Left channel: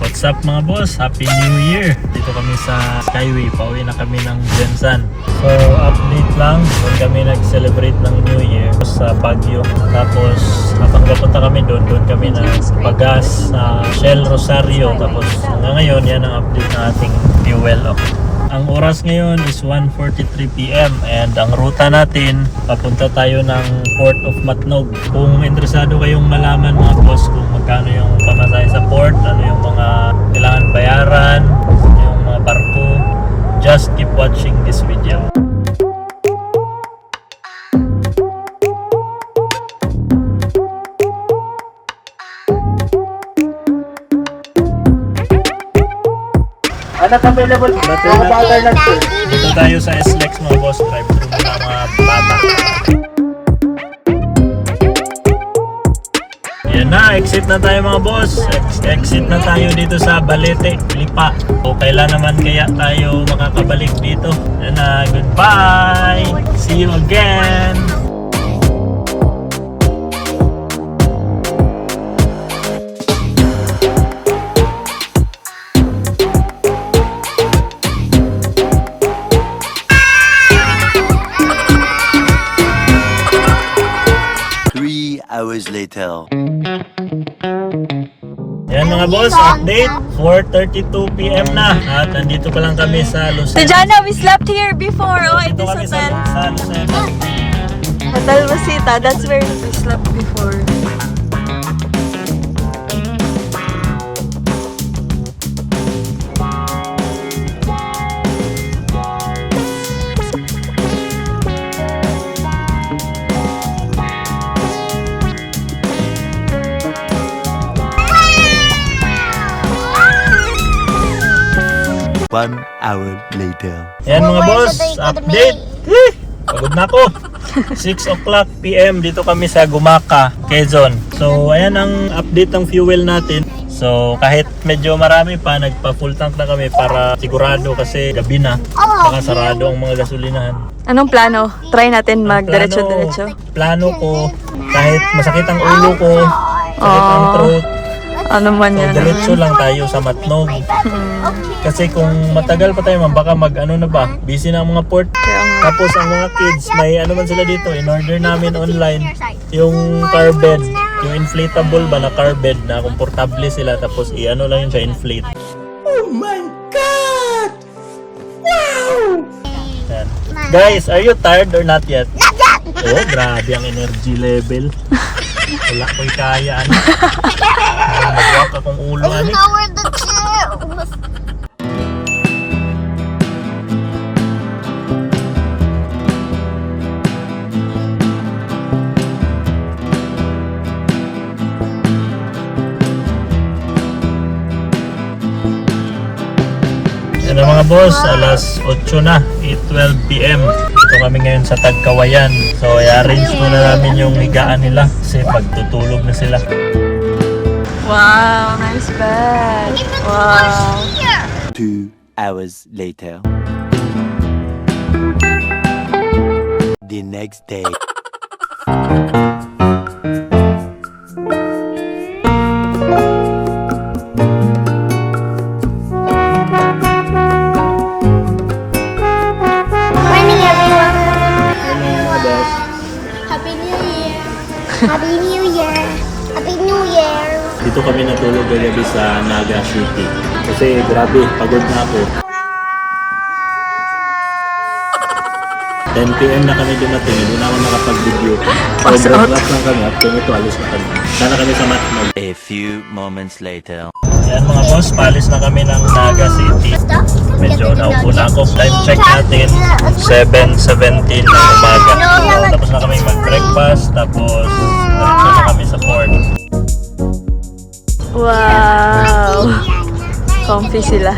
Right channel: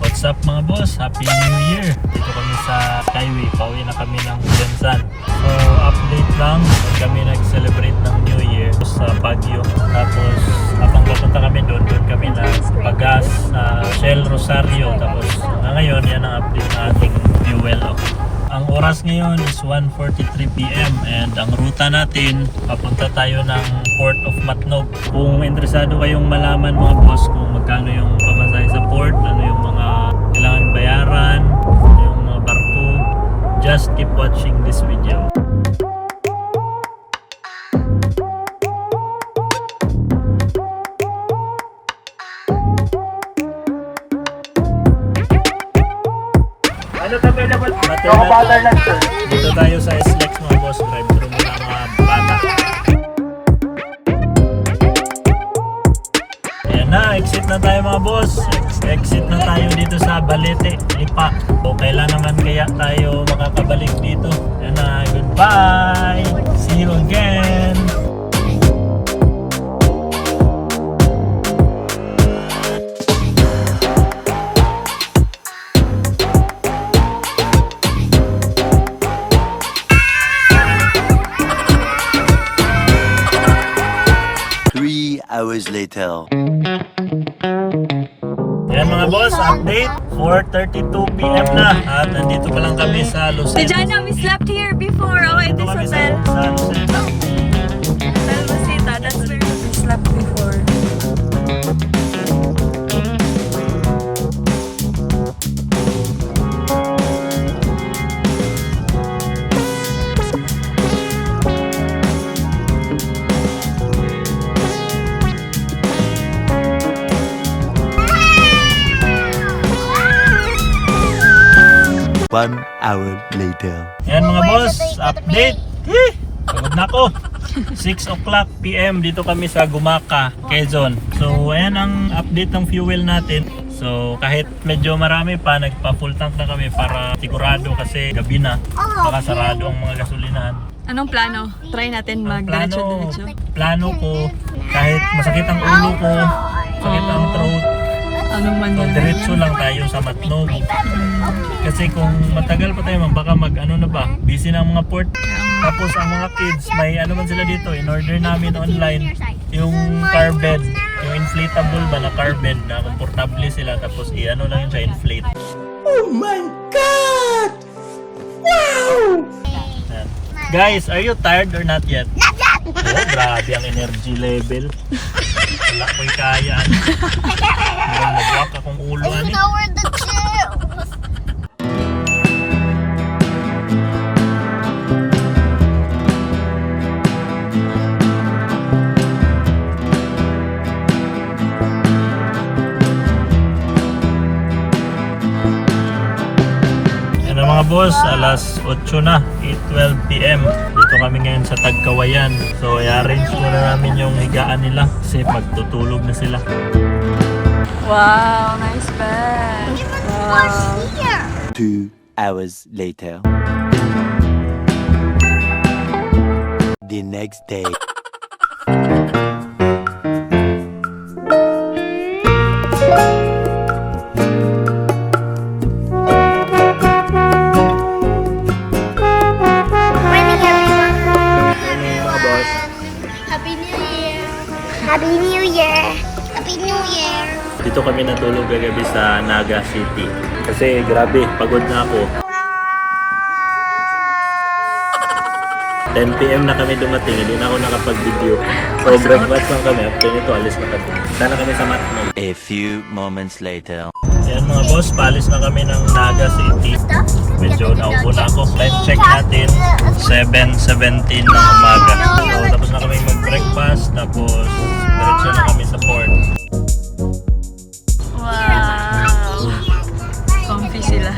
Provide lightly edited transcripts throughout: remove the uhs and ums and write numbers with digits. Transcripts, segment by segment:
What's up mga boss? Happy New Year! Dito kami sa Skyway. Pauwi na kami ng Jensan. So update lang. Doon kami nag-celebrate ng New Year sa Baguio. Tapos habang papunta kami doon kami nagpagas sa Shell Rosario. Tapos hanggang ngayon yan ang update na ating fuel. Ang oras ngayon is 1:43 PM and ang ruta natin papunta tayo ng Port of Matnog. Kung interesado kayong malaman mga boss kung magkano yung pamasahe sa port, ano yung mga kailangan bayaran, yung mga barko, just keep watching this video. Ano available? Dito tayo sa SLEX mga boss, drive through muna ang mga bata. Yan na, exit na tayo mga boss. Exit na tayo dito sa Balete, Lipa. So kailan naman kaya tayo makakabalik dito. Yan na, goodbye! See you again! Hours later. Yan mga boss, update 4:32 PM na at nandito pa lang kami sa Lucena. Jana, we slept here before. Oh, Dito this kami hotel. sa Lucena. Hotel Rosita, that's where we slept before. One hour later. Yan mga boss, update. Pagod na ako. 6 o'clock PM dito kami sa Gumaka, Quezon. So ayan ang update ng fuel natin. So kahit medyo marami pa, nagpa full tank na kami para sigurado kasi gabi na. Baka sarado ang mga gasolinahan. Anong plano? Try natin mag-diretso-diretso. Plano ko, kahit masakit ang ulo ko, sakit ang throat, Ano man so yan? diretso lang tayo sa Matnog. Kasi kung matagal pa tayo, baka mag-ano na ba, busy na ang mga port. Tapos ang mga kids, may ano man sila dito, in order namin online, yung car bed, yung inflatable ba na car bed na komportable sila, tapos i-ano lang yun siya, inflate. Oh my God! Wow! Yan. Guys, are you tired or not yet? Oh, grabe ang energy level. Wala ko'y kaya. Magwak akong ulo. Ano? Yan na mga boss, alas 8 na, 8:12 PM. Dito kami ngayon sa Tagkawayan. So i-arrange muna namin yung higaan nila kasi pagtutulog na sila. Wow, nice bed. Wow. 2 hours later. The next day. Happy New Year! Happy New Year! Happy New Year! Dito kami natulog kagabi sa Naga City. Kasi grabe, pagod na ako. 10 PM na kami dumating, hindi na ako nakapag-video. So breakfast lang kami, after nito alis na kami. Sana kami sa Matnog. A few moments later. Yan mga boss, paalis na kami ng Naga City. Medyo naupo na ako. Time check natin, 7:17 ng umaga. So tapos na kami mag-breakfast, tapos diretso na kami sa port. Wow. Comfy sila.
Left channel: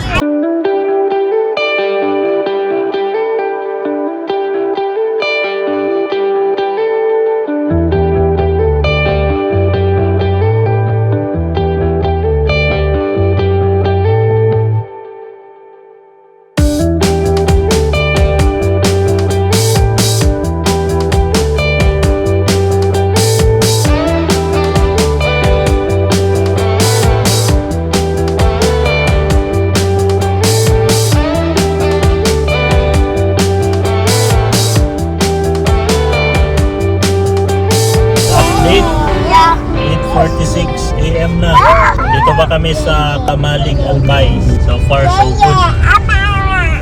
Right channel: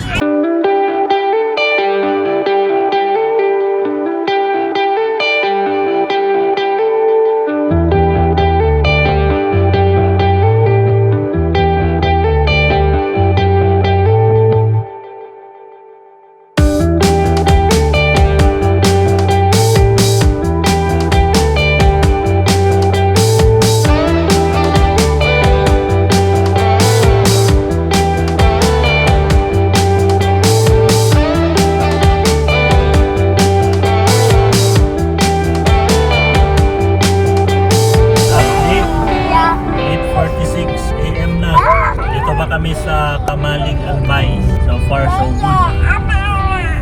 na kami sa Kamalig Albay. So far, so good.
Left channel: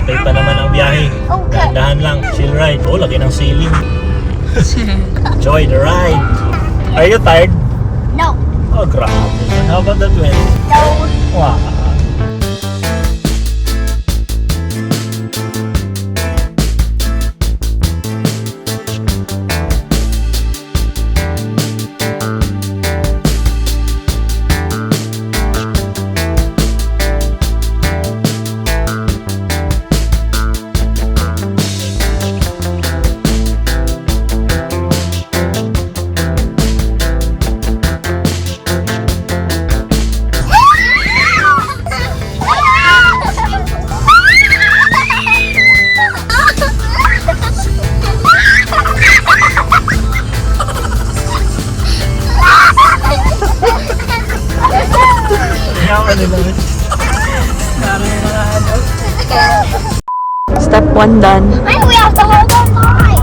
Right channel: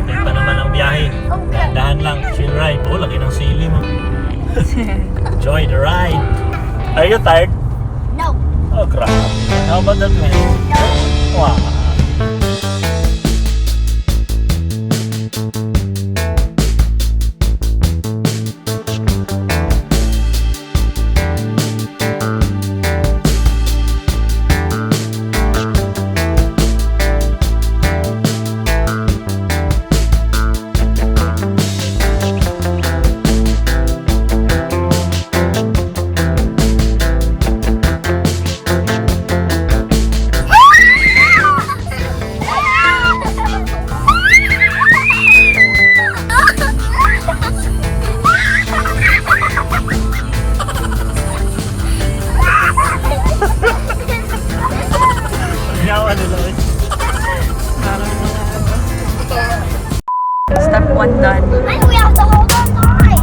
Okay pa naman ang biyahe. Dahan lang, chill ride. Oh, laki ng ceiling. Enjoy the ride. Are you tired? No. Oh, grabe. How about that way? Wow. Step 1 done. And we have to hold on tight.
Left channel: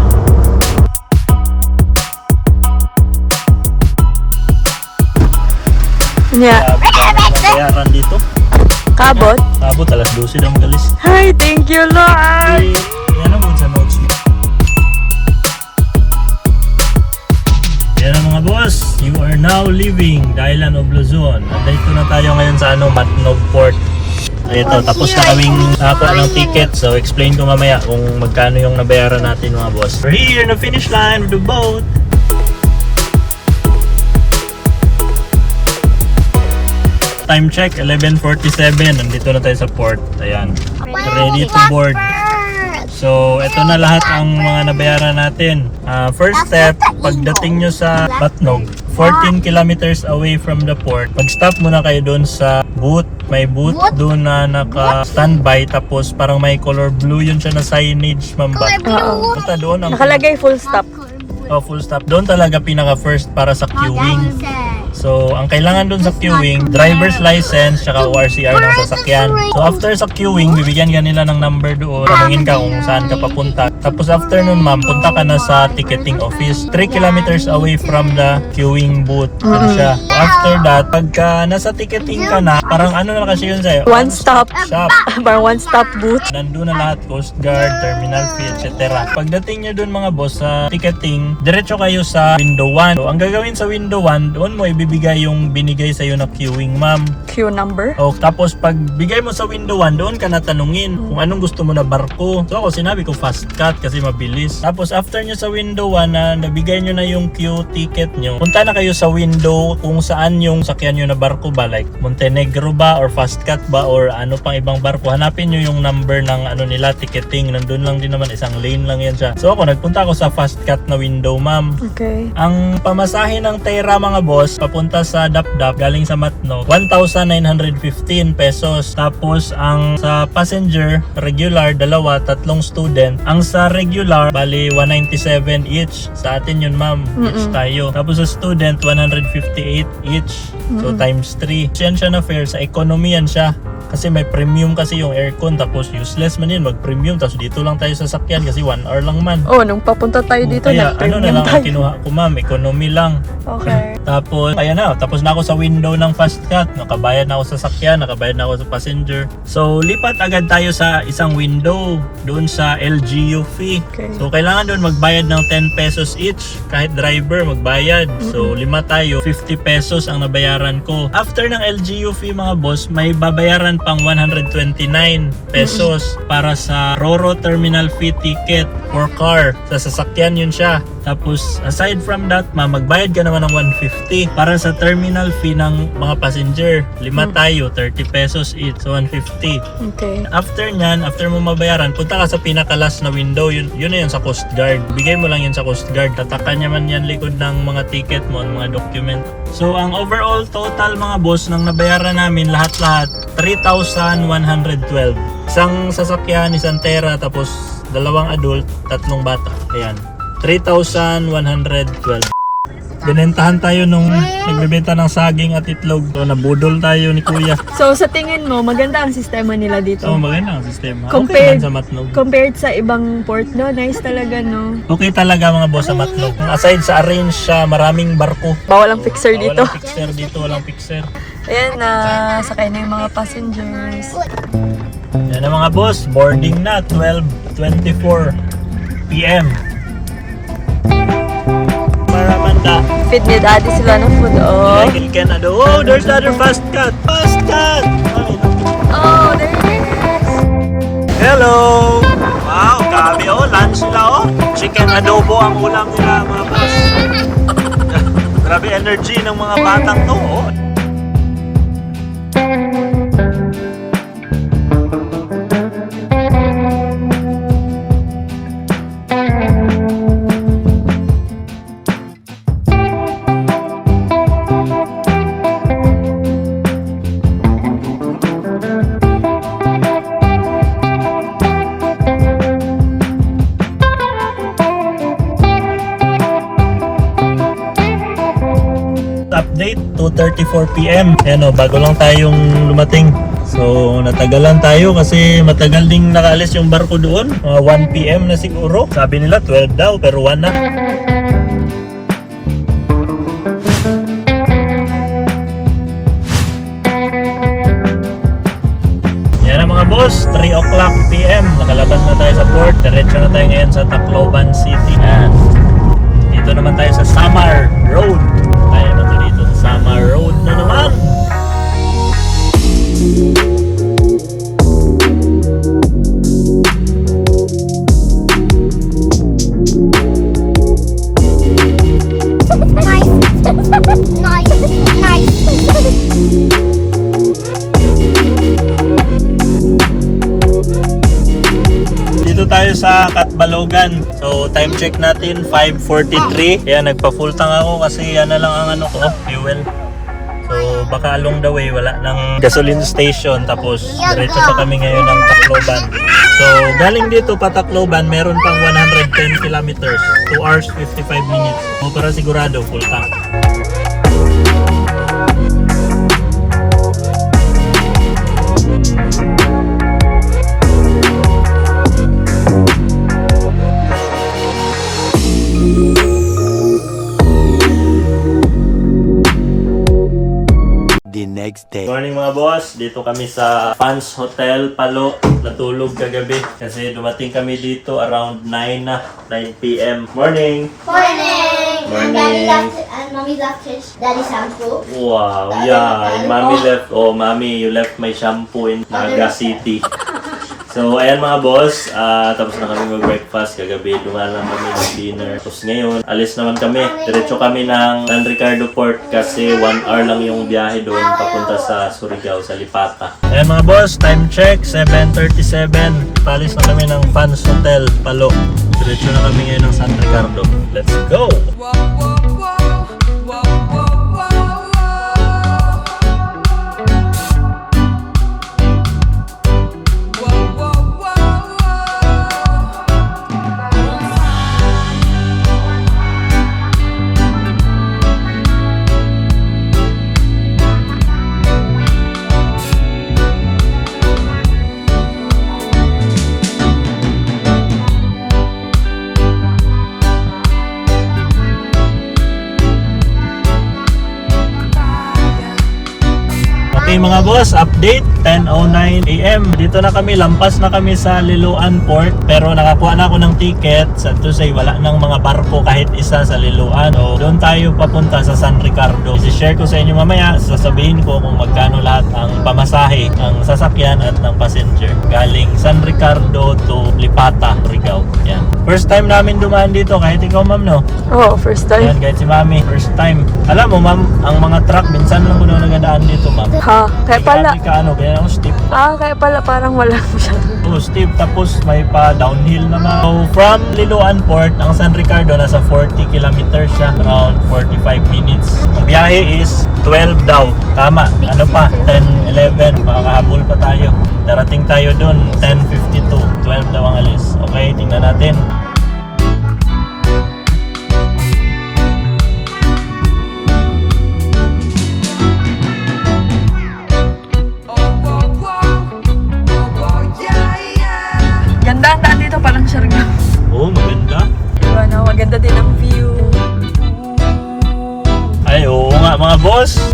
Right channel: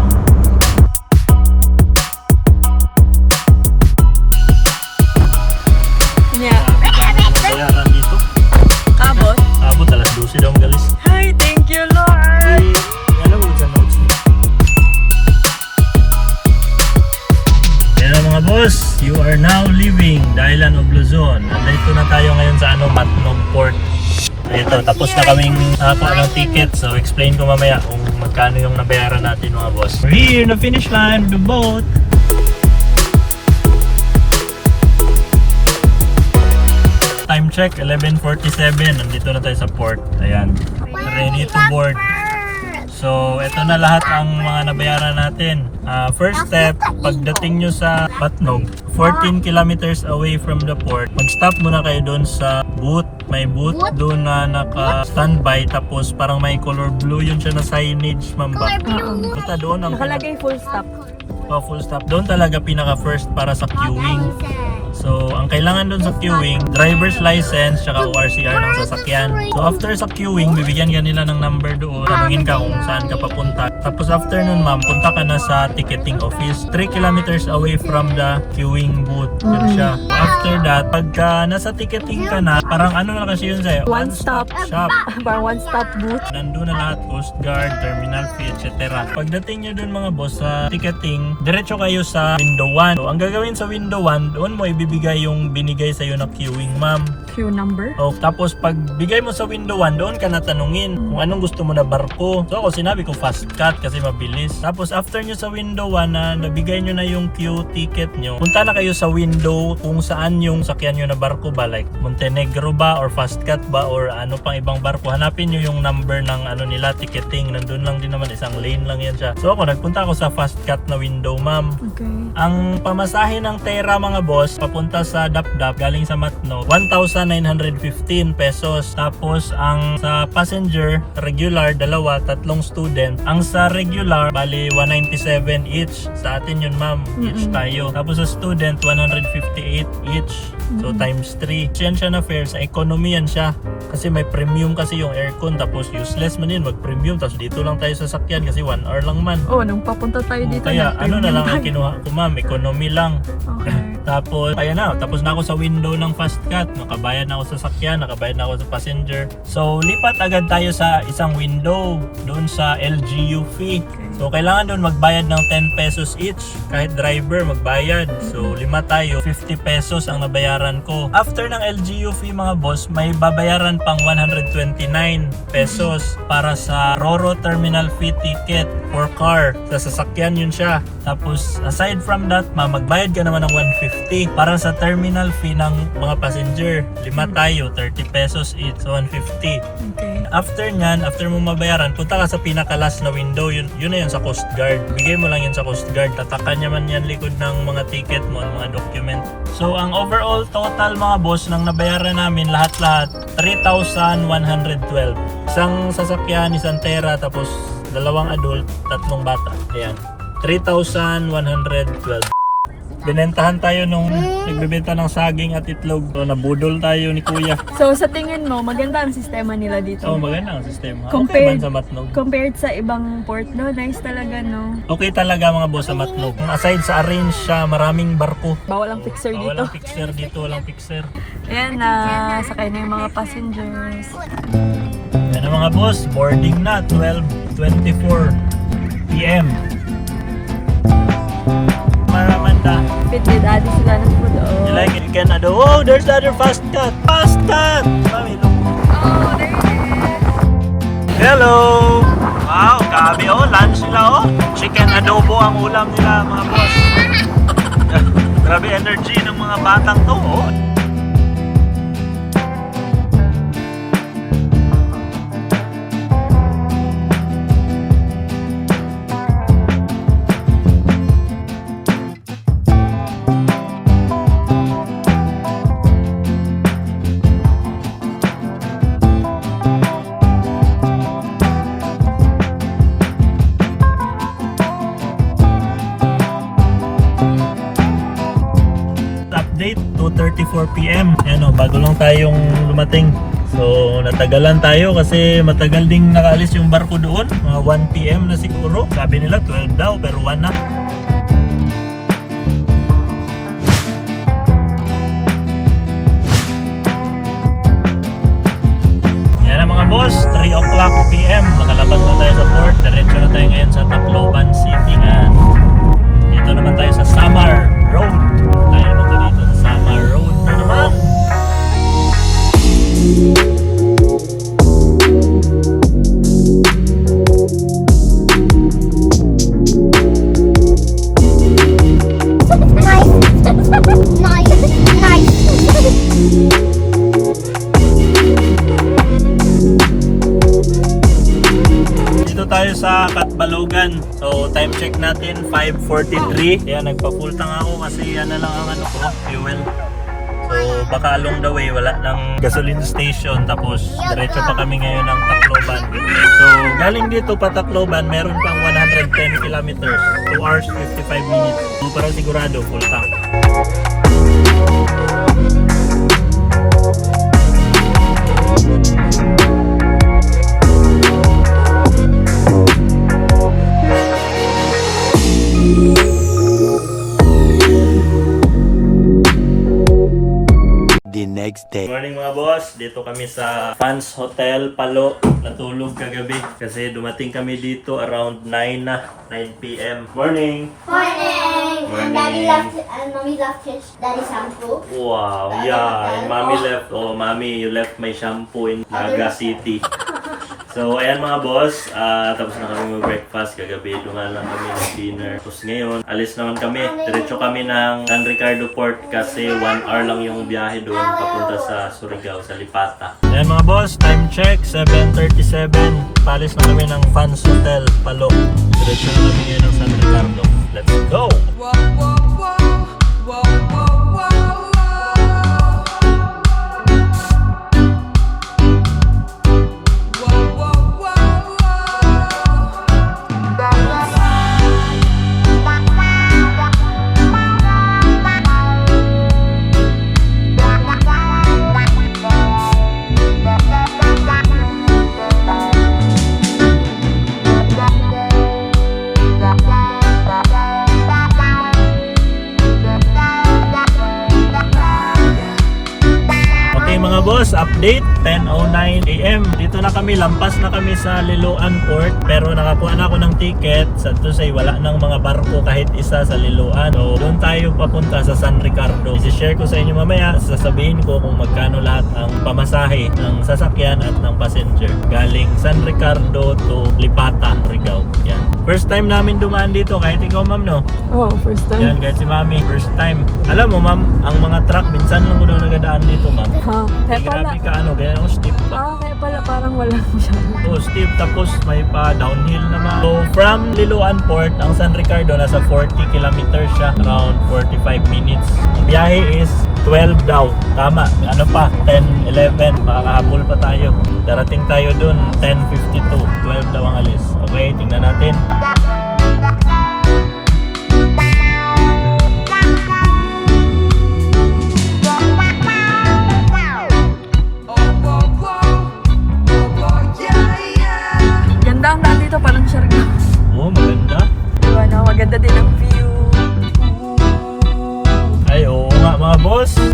Yeah. Grabe ka naman bayaran dito. Kabot. Abot, alas 12 daw galis. Hi, thank you, Lord. Yan ang sa notes mo. Yan ang mga boss, you are now leaving the island of Luzon. Andito na tayo ngayon sa Matnog Port. Ito, tapos na kaming nakakuha ng ticket. So, explain ko mamaya kung magkano yung nabayaran natin mga boss. We're here in the finish line of the boat. Time check, 11:47. Nandito na tayo sa port. Ayan. Ready to board. So, ito na lahat ang mga nabayaran natin. First step, pagdating nyo sa Matnog, 14 kilometers away from the port, mag-stop muna kayo doon sa booth. May booth doon na naka-standby, tapos parang may color blue yun siya na signage, mamba. Oo. Basta doon ang Nakalagay full stop. full stop. Doon talaga pinaka-first para sa queuing. So, ang kailangan dun sa queuing, driver's license, tsaka ORCR ng sasakyan. So, after sa queuing, bibigyan ka nila ng number doon. Tanungin ka kung saan ka papunta. Tapos after nun, ma'am, punta ka na sa ticketing office. 3 kilometers away from the queuing booth. Yun siya. So, after that, pagka nasa ticketing ka na, parang ano na kasi yun sa'yo? One stop. Shop. Parang one stop booth. Nandun na lahat, Coast Guard, terminal fee, etc. Pagdating nyo dun mga boss sa ticketing, diretso kayo sa window 1. So, ang gagawin sa window 1, doon mo ibibigay yung binigay sa'yo na queuing, ma'am. Queue number. O, tapos pag bigay mo sa window 1, doon ka na tanungin kung anong gusto mo na barko. So ako sinabi ko fast cut kasi mabilis. Tapos after nyo sa window 1 na nabigay nyo na yung queue ticket nyo, punta na kayo sa window kung saan yung sakyan nyo na barko ba, like Montenegro ba or fast cut ba or ano pang ibang barko. Hanapin nyo yung number ng ano nila, ticketing. Nandun lang din naman, isang lane lang yan siya. So ako nagpunta ako sa fast cut na window, ma'am. Okay. Ang pamasahe ng Tera mga boss, papunta sa Dapdap, galing sa Matnog, 1,915 pesos. Tapos ang sa passenger, regular, dalawa, tatlong student. Ang sa regular, bali 197 each. Sa atin yun, ma'am. Each tayo. Tapos sa student, 158 each. So times 3. Yan siya na fare. Sa economy yan siya. Kasi may premium kasi yung aircon. Tapos useless man yun, mag-premium. Tapos dito lang tayo sa sakyan kasi 1 hour lang man. Oh, nung papunta tayo dito. Kaya ano na lang ang tayo. kinuha ko, ma'am, economy lang. Okay. Tapos kaya na, tapos na ako sa window ng fast cut, nakabayad na ako sa sakyan, nakabayad na ako sa passenger. So lipat agad tayo sa isang window doon sa LGU fee. Okay. So kailangan doon magbayad ng 10 pesos each, kahit driver magbayad. So 5 tayo, 50 pesos ang nabayaran ko. After ng LGU fee mga boss, may babayaran pang 129 pesos para sa Roro terminal fee ticket for car. Sa sasakyan yun siya. Tapos aside from that, magbayad ka naman ng 150 para sa terminal fee ng mga passenger. 5 tayo, 30 pesos each. So 150. Okay. After nyan, after mo mabayaran, punta ka sa pinaka-last na window. Yun na yun sa Coast Guard. Bigay mo lang yun sa Coast Guard. Tatakan niya man yan likod ng mga ticket mo, ng mga document. So ang overall total mga boss ng nabayaran namin lahat-lahat 3,112. Isang sasakyan, isang Tera, tapos 2 adult, 3 bata. Ayan. 3,112. binentahan tayo nung nagbebenta ng saging at itlog. So, nabudol tayo ni Kuya. So sa tingin mo, maganda ang sistema nila dito? So, maganda ang sistema. Okay Compared, man sa Matnog. compared sa ibang port, no? Nice talaga, no? Okay talaga mga boss sa Matnog. Aside sa arrange siya, maraming barko. Bawal ang fixer dito. Walang fixer dito, walang fixer. Ayan na, sakay na yung mga passengers. Yan na mga boss, boarding na, 12:24 p.m. Maramanda. Fit ni daddy sila ng food, oh. Like in Canada. Oh, there's another fast cut! Fast cut! Oh, there it is! Hello! Wow, grabe oh, lunch nila oh. Chicken adobo ang ulam nila mga boss. Grabe energy ng mga batang to oh. Update, 2:34 p.m. Ayan o, bago lang tayong lumating. So, natagalan tayo kasi matagal ding nakaalis yung barko doon. Mga 1 p.m. na siguro. Sabi nila 12 daw, pero 1 na. Yan na mga boss, 3 o'clock p.m. Nakalabas na tayo sa port. Diretso na tayo ngayon sa Tacloban City. Yan. Dito naman tayo sa Samar Road. Tayo na to dito sa Samar Road na naman. Dito tayo sa Katbalogan. So time check natin 5:43. Kaya nagpa-full tank ako kasi yan na lang ang ano ko, fuel. So baka along the way wala ng gasoline station, tapos diretso pa kami ngayon ng Tacloban. So galing dito pa Tacloban, meron pang 110 kilometers, 2 hours 55 minutes. So para sigurado full tank. The next day. Morning mga boss, dito kami sa Fans Hotel Palo. Natulog kagabi kasi dumating kami dito around 9 p.m. Morning! Morning. Morning. Daddy left and mommy left his daddy shampoo. Wow, yeah, and mommy left, oh mommy, you left my shampoo in Naga City. So ayan mga boss, tapos na kami mag-breakfast kagabi, dumaan lang kami ng dinner. Tapos ngayon, alis naman kami, diretso kami ng San Ricardo Port kasi 1 hour lang yung biyahe doon papunta sa Surigao, sa Lipata. Ayan mga boss, time check, 7:37. Palis na kami ng Fans Hotel Palo. Diretso na kami ngayon ng San Ricardo. Let's go! Okay mga boss, update 10:09 AM. Dito na kami, lampas na kami sa Liloan Port, pero nakakuha na ako ng ticket. Sa Tusay wala nang mga barko kahit isa sa Liloan. So doon tayo papunta sa San Ricardo. I-share ko sa inyo mamaya, sasabihin ko kung magkano lahat ang pamasahe ng sasakyan at ng passenger galing San Ricardo to Lipata, Surigao. Yan. First time namin dumaan dito, kahit ikaw ma'am no? Oh, first time. Yan, kahit si mami, first time. Alam mo ma'am, ang mga truck minsan lang muna nagadaan dito ma'am. Ha, kaya pala. Grabe ka ano, kaya yung steep. Kaya pala parang wala siya. Oh, steep, tapos may pa downhill naman. So from Liloan Port, ang San Ricardo nasa 40 kilometers siya, around 45 minutes. Ang biyahe is 12 daw. Tama, ano pa, 10, 11, makakahabol pa tayo. Darating tayo dun, 10:52, 12 daw ang alis. Okay, tingnan natin.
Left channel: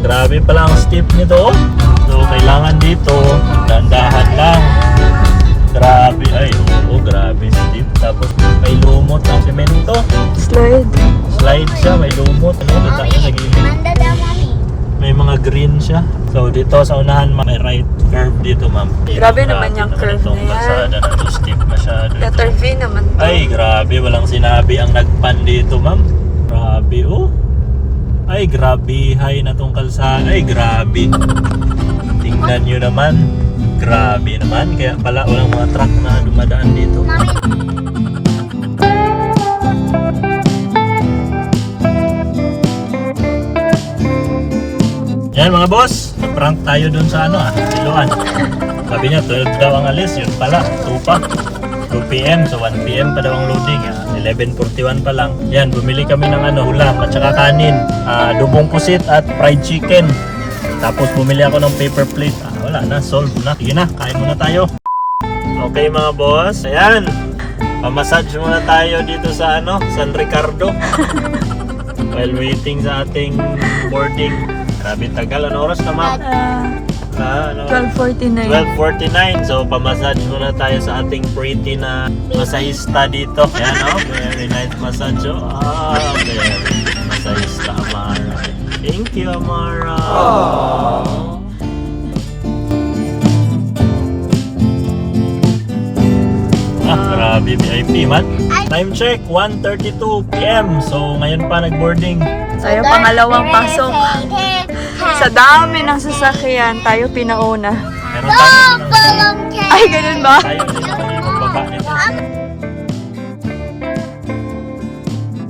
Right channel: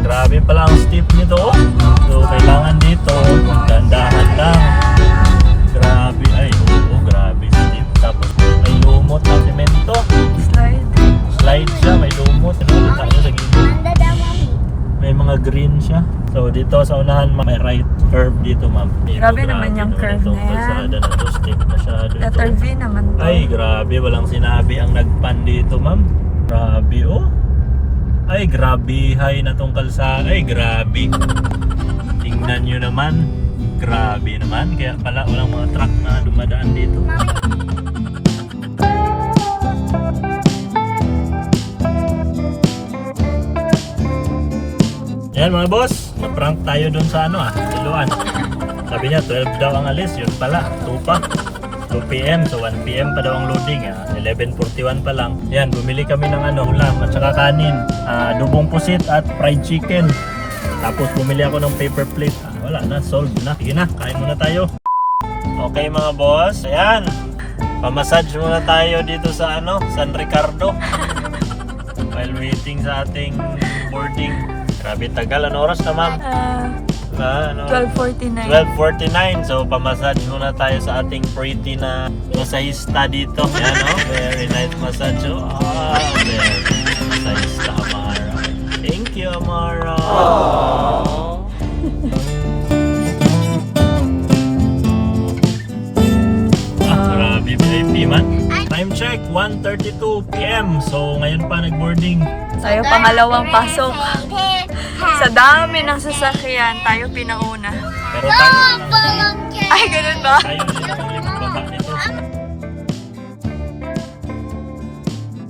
Grabe pala ang steep nito. Oh. So, kailangan dito, dandahan lang. Grabe, ay, oo, grabe steep. Tapos, may lumot ang semento. Slide. Slide siya, may lumot. Ano, kita nyo sa gilid. May mga green siya. So, dito sa unahan, may right curve dito, ma'am. Grabe naman yung curve itong na yan. kalsada na to, steep masyado. Letter V naman to. Ay, grabe. Walang sinabi ang nagpan dito, ma'am. Grabe, oh. Ay, grabe. Hay na tong kalsada. Ay, grabe. Tingnan nyo naman. Grabe naman. Kaya pala walang mga truck na dumadaan dito. Yan mga boss. Prank tayo dun sa Siloan. Sabi niya 12 daw ang alis. Yun pala. 2 pa. 2 p.m. So 1 p.m. pa daw ang loading. 11:41 pa lang. Yan, bumili kami ng ulam at saka kanin. Dubong pusit at fried chicken. Tapos bumili ako ng paper plate. Wala na, solve na. Sige na, kain muna tayo. Okay mga boss, ayan. Pamassage muna tayo dito sa San Ricardo. While waiting sa ating boarding. Grabe tagal. Ano oras na ma'am? 12:49. 12:49. So, pamassage muna tayo sa ating pretty na masahista dito. Ayan, very nice massage. Very masahista, Amara. Thank you, Amara. Grabe ba yung man? Time check, 1:32 p.m. So, ngayon pa nag-boarding. Tayo pangalawang pasok. Sa dami ng sasakyan, tayo pinauna. Pero tayo, Ay, ganun ba? tayo yung magbaba nito.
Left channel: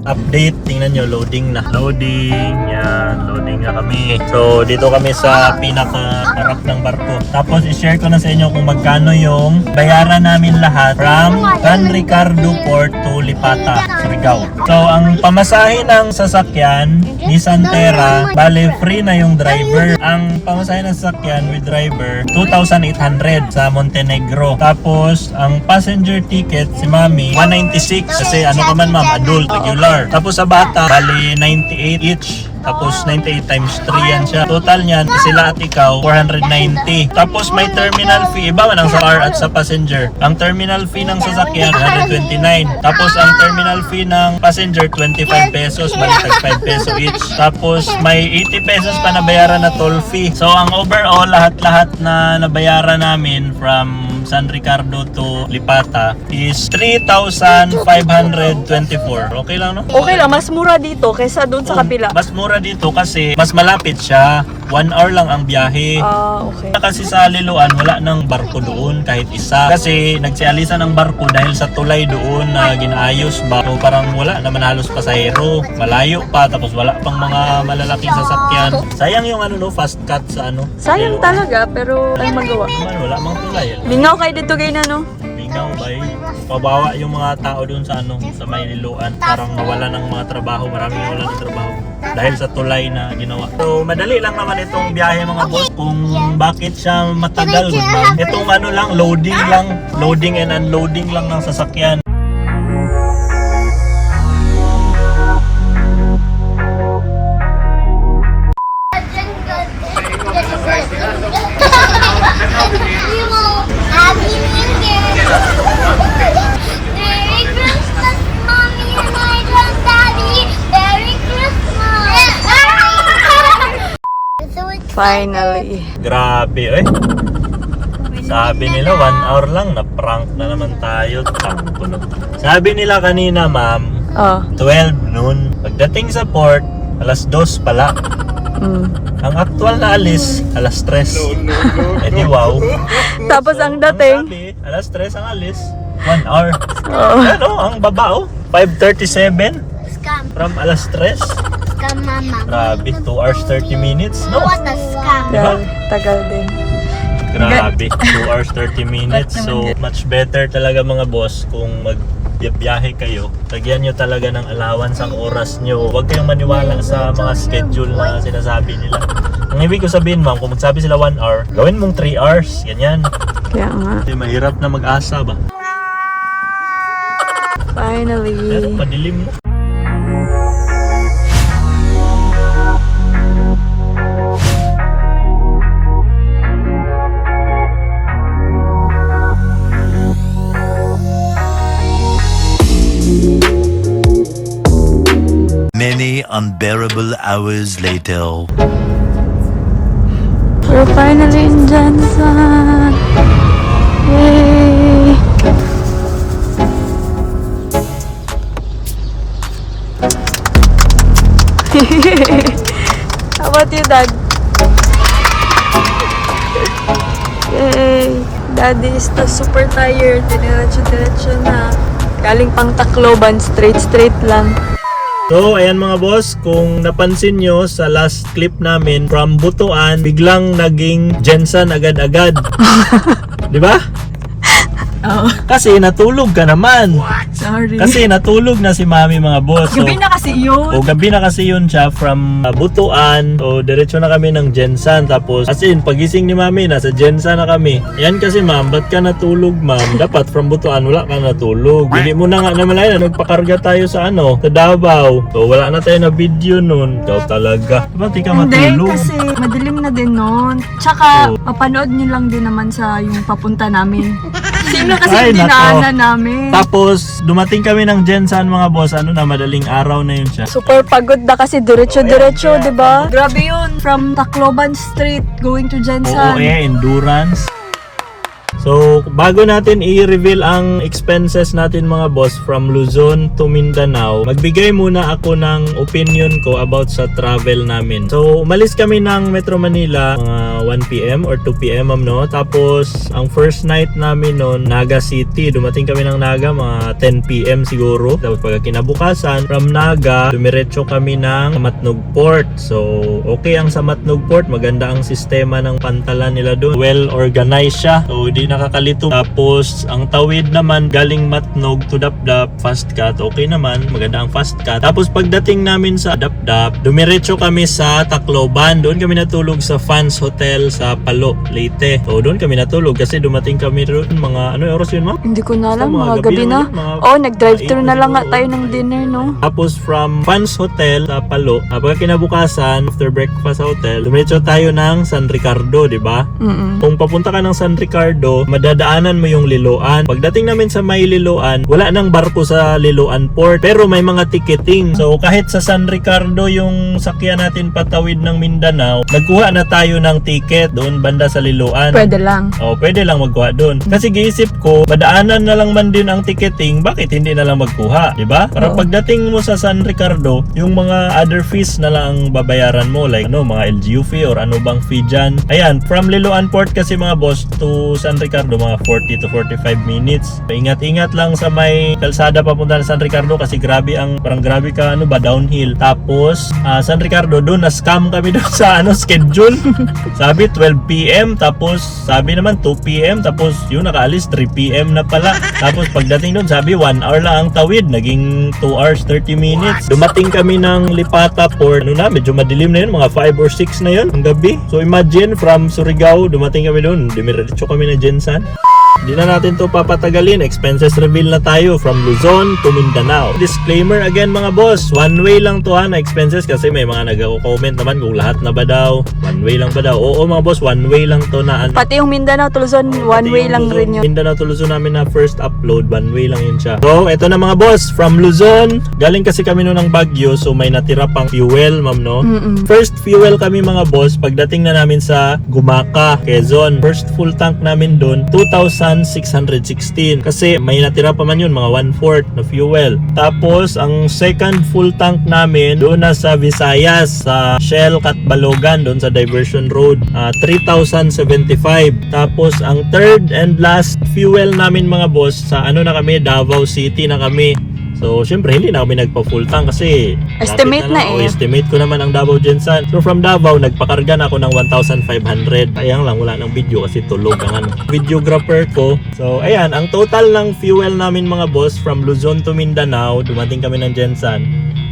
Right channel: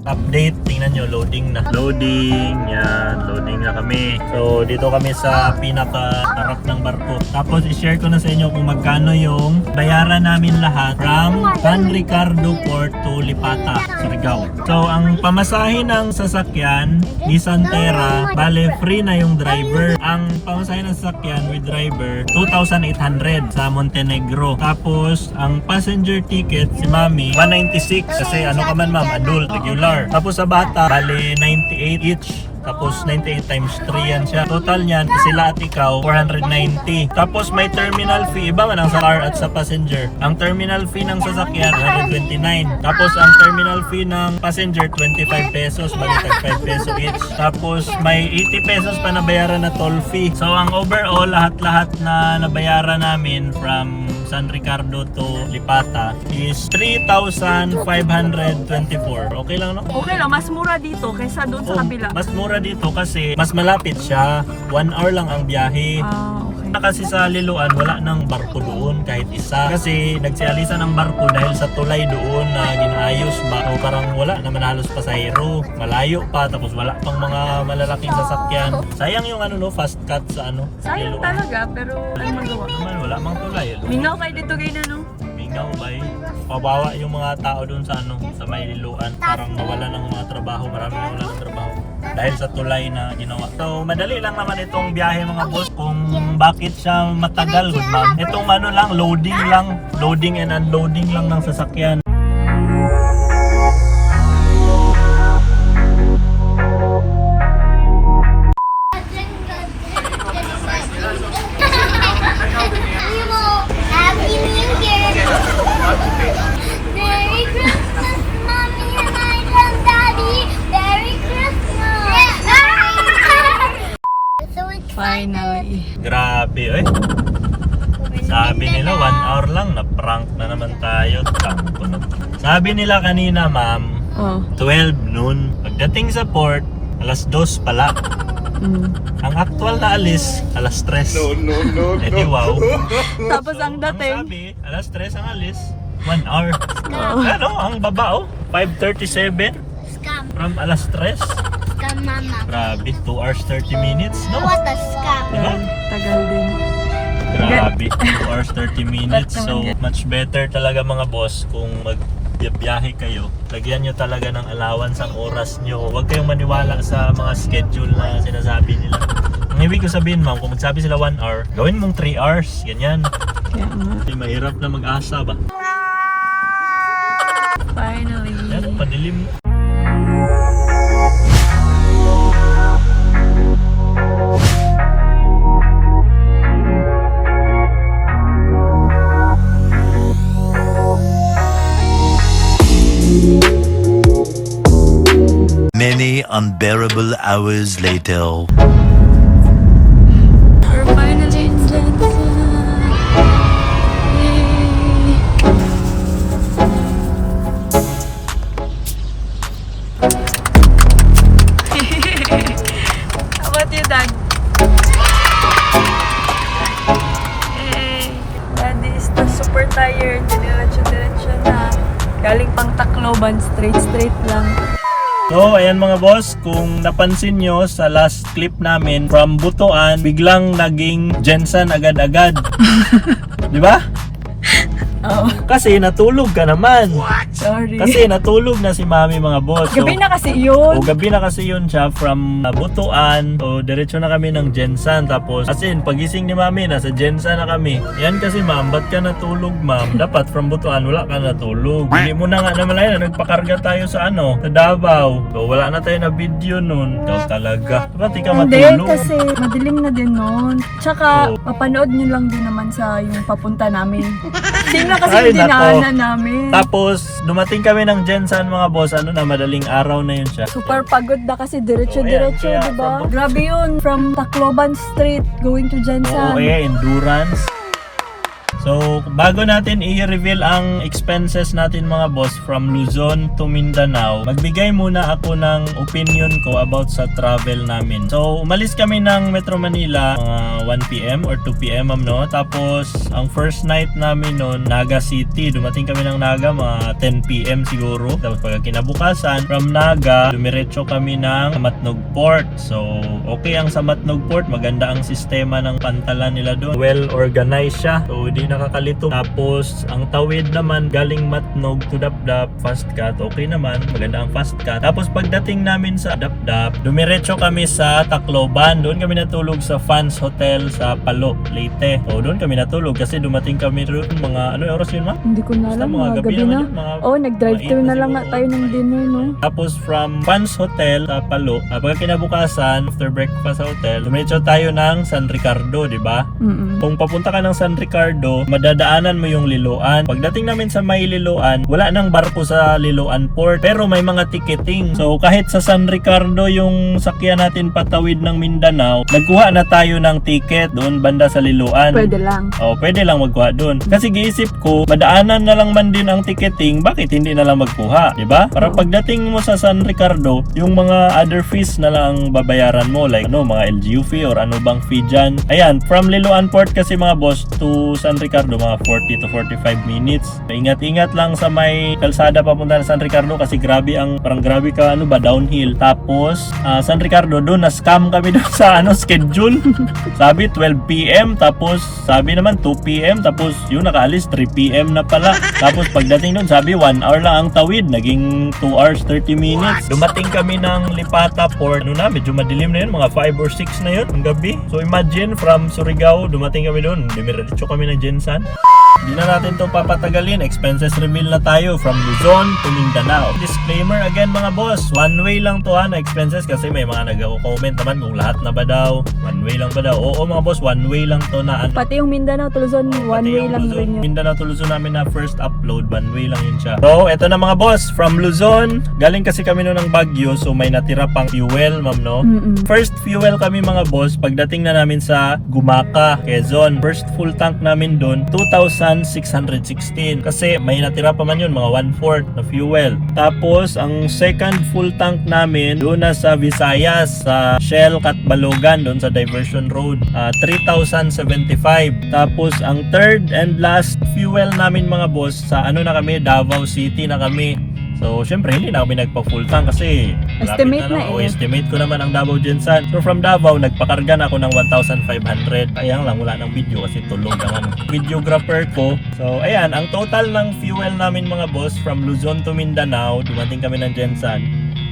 Update, tingnan nyo, loading na. Loading, yan, loading na kami. So, dito kami sa pinaka-harap ng barko. Tapos, i-share ko na sa inyo kung magkano yung bayaran namin lahat from San Ricardo Port to Lipata, Surigao. So, ang pamasahe ng sasakyan, Nissan Terra, bale, free na yung driver. Ang pamasahe ng sasakyan with driver, 2,800 sa Montenegro. Tapos, ang passenger ticket, si Mami, 196. Kasi ano ka man ma'am, adult, regular. Tapos sa bata, bali 98 each. Tapos 98 times 3 yan siya. Total niyan, sila at ikaw, 490. Tapos may terminal fee. Iba man ang sa car at sa passenger. Ang terminal fee ng sasakyan, 129. Tapos ang terminal fee ng passenger, 25 pesos. Balitag 5 peso each. Tapos may 80 pesos pa nabayaran na toll fee. So ang overall, lahat-lahat na nabayaran namin from San Ricardo to Lipata is 3,524. Okay lang, no? Okay lang, mas mura dito kaysa doon sa kapila. Mas mura dito kasi mas malapit siya. 1 hour lang ang biyahe. Okay. Kasi sa Liloan, wala nang barko doon kahit isa. Kasi nagsialisan ng barko dahil sa tulay doon na ginaayos ba. So parang wala naman halos pasahero. Malayo pa, tapos wala pang mga malalaking sasakyan. Sayang yung fast cut sa Sayang Liloan. talaga, pero ay magawa. Naman, wala mang tulay. Lingaw kayo dito kayo na, no? Mingaw bay. Pabawa yung mga tao doon sa sa may Liloan. Parang mawala ng mga trabaho. Maraming nawala ng trabaho. Dahil sa tulay na ginawa. So, madali lang naman itong biyahe mga boss. Kung bakit siya matagal, good ma'am. Itong lang, loading lang. Loading and unloading lang ng sasakyan. Happy New Year! Merry Christmas, Mommy and my Daddy! Merry Christmas! Finally. Grabe, eh. Sabi nila 1 hour lang, na-prank na naman tayo. Sabi nila kanina, ma'am, 12 noon. Pagdating sa port, alas 2 pala. Ang actual na alis, alas 3. No. Eh di wow. Tapos ang dating, Ang sabi, alas 3 ang alis, 1 hour. Ano, ang baba 5:37 Scam. from alas 3. Scam, Mama. Grabe, 2 hours 30 minutes, no? What a scam. Diba? tagal din. Grabe, 2 hours 30 minutes. So, much better talaga mga boss kung magbiyahe kayo. Lagyan nyo talaga ng allowance ang oras nyo. Huwag kayong maniwala sa mga schedule na sinasabi nila. Ang ibig ko sabihin, ma'am, kung magsabi sila 1 hour, gawin mong 3 hours. Ganyan. Kaya nga. Mahirap na mag-asa ba? Finally. Pero padilim na. unbearable hours later. We're finally in Jensen. Yay! How about you, Dad? Yay! Daddy is na super tired. Diniretso-diretso na. Galing pang Tacloban, straight lang. So, ayan mga boss, kung napansin nyo sa last clip namin, from Butuan, biglang naging Jensen agad-agad. Di ba? Oo. Kasi natulog ka naman. Sorry. Kasi natulog na si Mami mga boss. So, gabi na kasi yun. o gabi na kasi yun siya from Butuan. O diretso na kami ng Jensen. Tapos as in pagising ni Mami nasa Jensen na kami. Ayan kasi ma'am, ba't ka natulog ma'am? Dapat from Butuan wala ka natulog. Hindi mo na nga naman na nagpakarga tayo sa sa Davao. So wala na tayo na video nun. Ikaw talaga. Ba't di ka Hindi, matulog? kasi madilim na din nun. Tsaka, mapanood nyo lang din naman sa yung papunta namin. Sigla kasi Ay, yung nako. dinaanan namin. Tapos dumating kami ng Jensen mga boss. Madaling araw na yun siya. Super pagod na kasi diretso-diretso, Ayan, di ba? Grabe yun. From Tacloban Street going to Oo, Jensen. endurance. So, bago natin i-reveal ang expenses natin mga boss from Luzon to Mindanao, magbigay muna ako ng opinion ko about sa travel namin. So, umalis kami ng Metro Manila mga 1 p.m. or 2 p.m. no? Tapos, ang first night namin noon, Naga City. Dumating kami ng Naga mga 10 p.m. siguro. Tapos pagka kinabukasan, from Naga, dumiretso kami ng Matnog Port. So, okay ang sa Matnog Port. Maganda ang sistema ng pantalan nila doon. Well organized siya. So, di nakakalito. Tapos, ang tawid naman galing Matnog to Dapdap, fast cut. Okay naman, maganda ang fast cut. Tapos, pagdating namin sa Dapdap, dumiretso kami sa Tacloban. Doon kami natulog sa Fans Hotel sa Palo, Leyte. So, doon kami natulog kasi dumating kami doon mga, oras yun, ma'am? Hindi ko na alam, Mga mga gabi gabi naman na. yun, mga Oo, nag-drive-thru 8 na lang nga siguro. tayo ng dinner, no? Tapos from Fans Hotel sa Palo, pagka kinabukasan, after breakfast sa hotel, dumiretso tayo ng San Ricardo, di ba? Mm-mm. Kung papunta ka ng San Ricardo, madadaanan mo yung Liloan. Pagdating namin sa may Liloan, wala nang barko sa Liloan Port, pero may mga ticketing. So kahit sa San Ricardo yung sakyan natin patawid ng Mindanao, nagkuha na tayo ng ticket doon banda sa Liloan. Pwede lang. Pwede lang magkuha doon. Kasi giisip ko, madaanan na lang man din ang ticketing, bakit hindi na lang magkuha, di ba? Para pagdating mo sa San Ricardo, yung mga other fees na lang ang babayaran mo, like mga LGU fee or ano bang fee dyan. Ayan, from Liloan Port kasi mga boss to San Ricardo, mga 40 to 45 minutes. Ingat-ingat lang sa may kalsada papunta sa San Ricardo kasi parang grabe ka, downhill. Tapos, San Ricardo, doon na-scam kami doon sa schedule. Sabi 12 p.m. Tapos sabi naman 2 p.m. Tapos yun nakaalis 3 p.m. na pala. Tapos pagdating doon sabi 1 hour lang ang tawid, naging 2 hours 30 minutes. Dumating kami ng Lipata Port. Medyo madilim na yun, mga 5 or 6 na yun ang gabi. So imagine from Surigao dumating kami doon, dumiretso kami na Jensen. Hindi na natin to papatagalin. Expenses reveal na tayo from Luzon to Mindanao. Disclaimer again mga boss, one way lang to na expenses kasi may mga nag-comment naman kung lahat na ba daw. One way lang ba daw? Oo mga boss, one way lang to na Pati yung Mindanao to Luzon, one pati way yung lang Luzon, rin yun. Mindanao to Luzon namin na first upload, one way lang yun siya. So, eto na mga boss, from Luzon, galing kasi kami noon ng Baguio, so may natira pang fuel, ma'am, no? Mm-mm. First fuel kami mga boss, pagdating na namin sa Gumaca, Quezon. First full tank namin doon, 2,616. Kasi may natira pa man yun, mga 1/4 na fuel. Tapos, ang second full tank namin, doon na sa Visayas, sa Shell Catbalogan, doon sa Diversion Road, 3,075. Tapos, ang third and last fuel namin mga boss, sa Davao City na kami. So, syempre, hindi na kami nagpa-full tank kasi Estimate lapit na lang. eh. Estimate ko naman ang Davao Jensen. So, from Davao, nagpakarga na ako ng 1,500. Sayang lang, wala ng video kasi tulog ang videographer ko. So, ayan, ang total ng fuel namin mga boss from Luzon to Mindanao, dumating kami ng Jensen,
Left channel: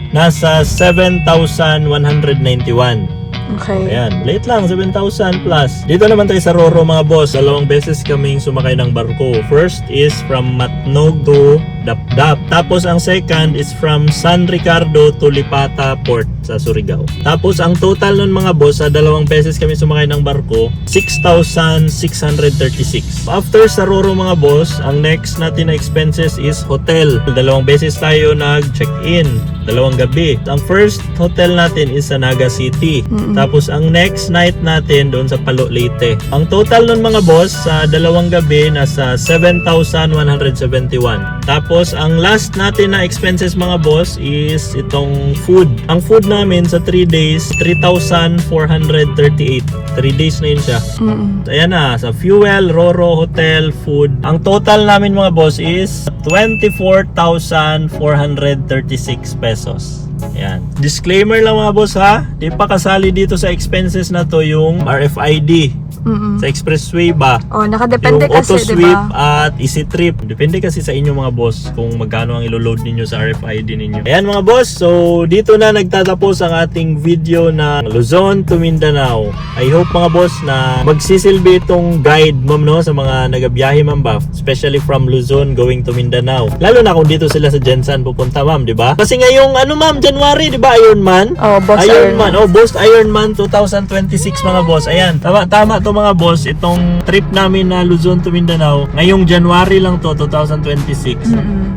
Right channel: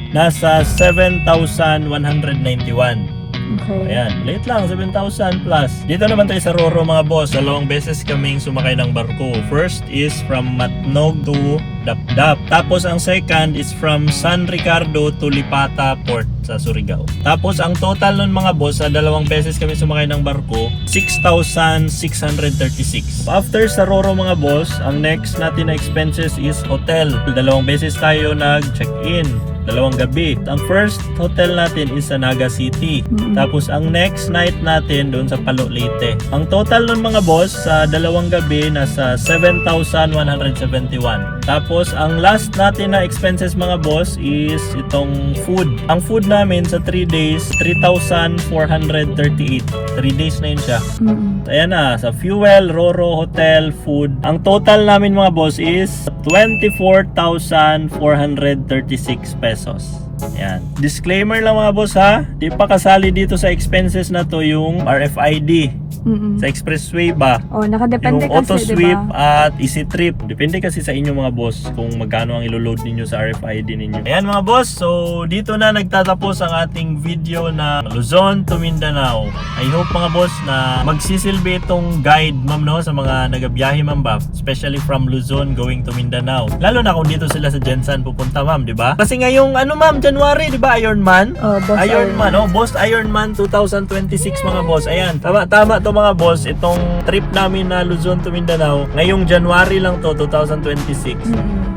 nasa 7,191. Okay. Ayan, late lang, 7,000 plus. Dito naman tayo sa Roro mga boss. 2 beses kaming sumakay ng barko. First is from Matnog to Dapdap. Tapos ang second is from San Ricardo to Lipata Port sa Surigao. Tapos ang total nun mga boss, sa 2 beses kami sumakay ng barko, 6,636. After sa Roro mga boss, ang next natin na expenses is hotel. 2 beses tayo nag-check-in. 2 gabi. Ang first hotel natin is sa Naga City. Tapos ang next night natin doon sa Palo Leyte. Ang total ng mga boss sa 2 gabi nasa 7,171. Tapos ang last natin na expenses mga boss is itong food. Ang food namin sa 3 days, 3,438. 3 days na yun siya. Ayan na, sa fuel, Roro, hotel, food. Ang total namin mga boss is 24,436 pesos. Ayan. Disclaimer lang mga boss ha, di pa kasali dito sa expenses na to yung RFID. Sa expressway ba? Oh, nakadepende Yung kasi, auto-sweep diba? at easy trip. Depende kasi sa inyo mga boss kung magkano ang ilo-load ninyo sa RFID ninyo. Ayan mga boss, so dito na nagtatapos ang ating video na Luzon to Mindanao. I hope mga boss na magsisilbi itong guide ma'am no sa mga nagabiyahe ma'am ba, especially from Luzon going to Mindanao. Lalo na kung dito sila sa Gensan pupunta ma'am, di ba? Kasi ngayong ano ma'am, January, di ba? Ironman? Oh, Boss Ironman. Oh, Boss Ironman 2026 mga boss. Ayan, tama to mga boss. Itong trip namin na Luzon to Mindanao, ngayong January lang to, 2026.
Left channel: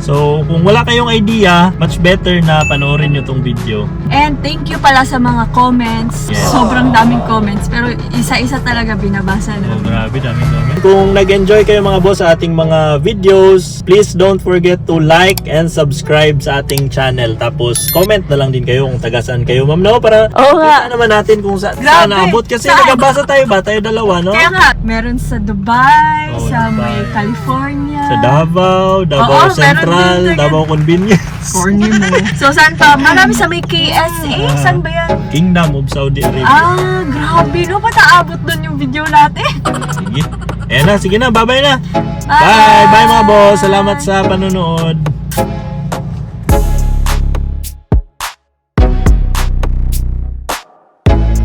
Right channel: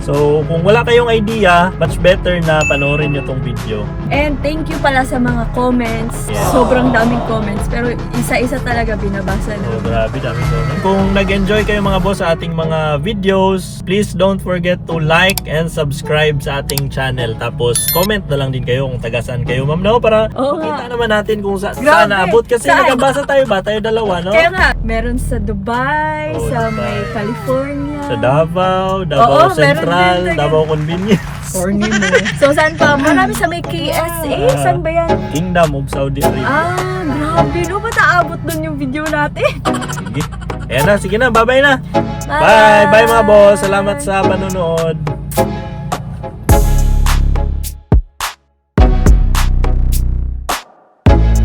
So, kung wala kayong idea, much better na panoorin nyo tong video. And thank you pala sa mga comments. Yes. Sobrang daming comments. Pero isa-isa talaga binabasa Oh, na. grabe, dami naman. Kung nag-enjoy kayo mga boss sa ating mga videos, please don't forget to like and subscribe sa ating channel. Tapos, comment na lang din kayo kung taga saan kayo, ma'am, no? Para Oo nga. kita naman natin kung saan Grabe. naabot. Kasi Saan? nagabasa tayo ba? Tayo dalawa, no? Kaya nga, meron sa Dubai, Oh, sa may Dubai. California. Sa Davao Oo, Central, meron din. Davao Convenience. Corny mo. So, saan pa? Marami sa may KSA. Saan ba yan? Kingdom of Saudi Arabia. Grabe. No, pataabot dun yung video natin. Sige. Ayan na, sige na, bye-bye na. Bye. Bye, bye mga boss. Salamat sa panonood.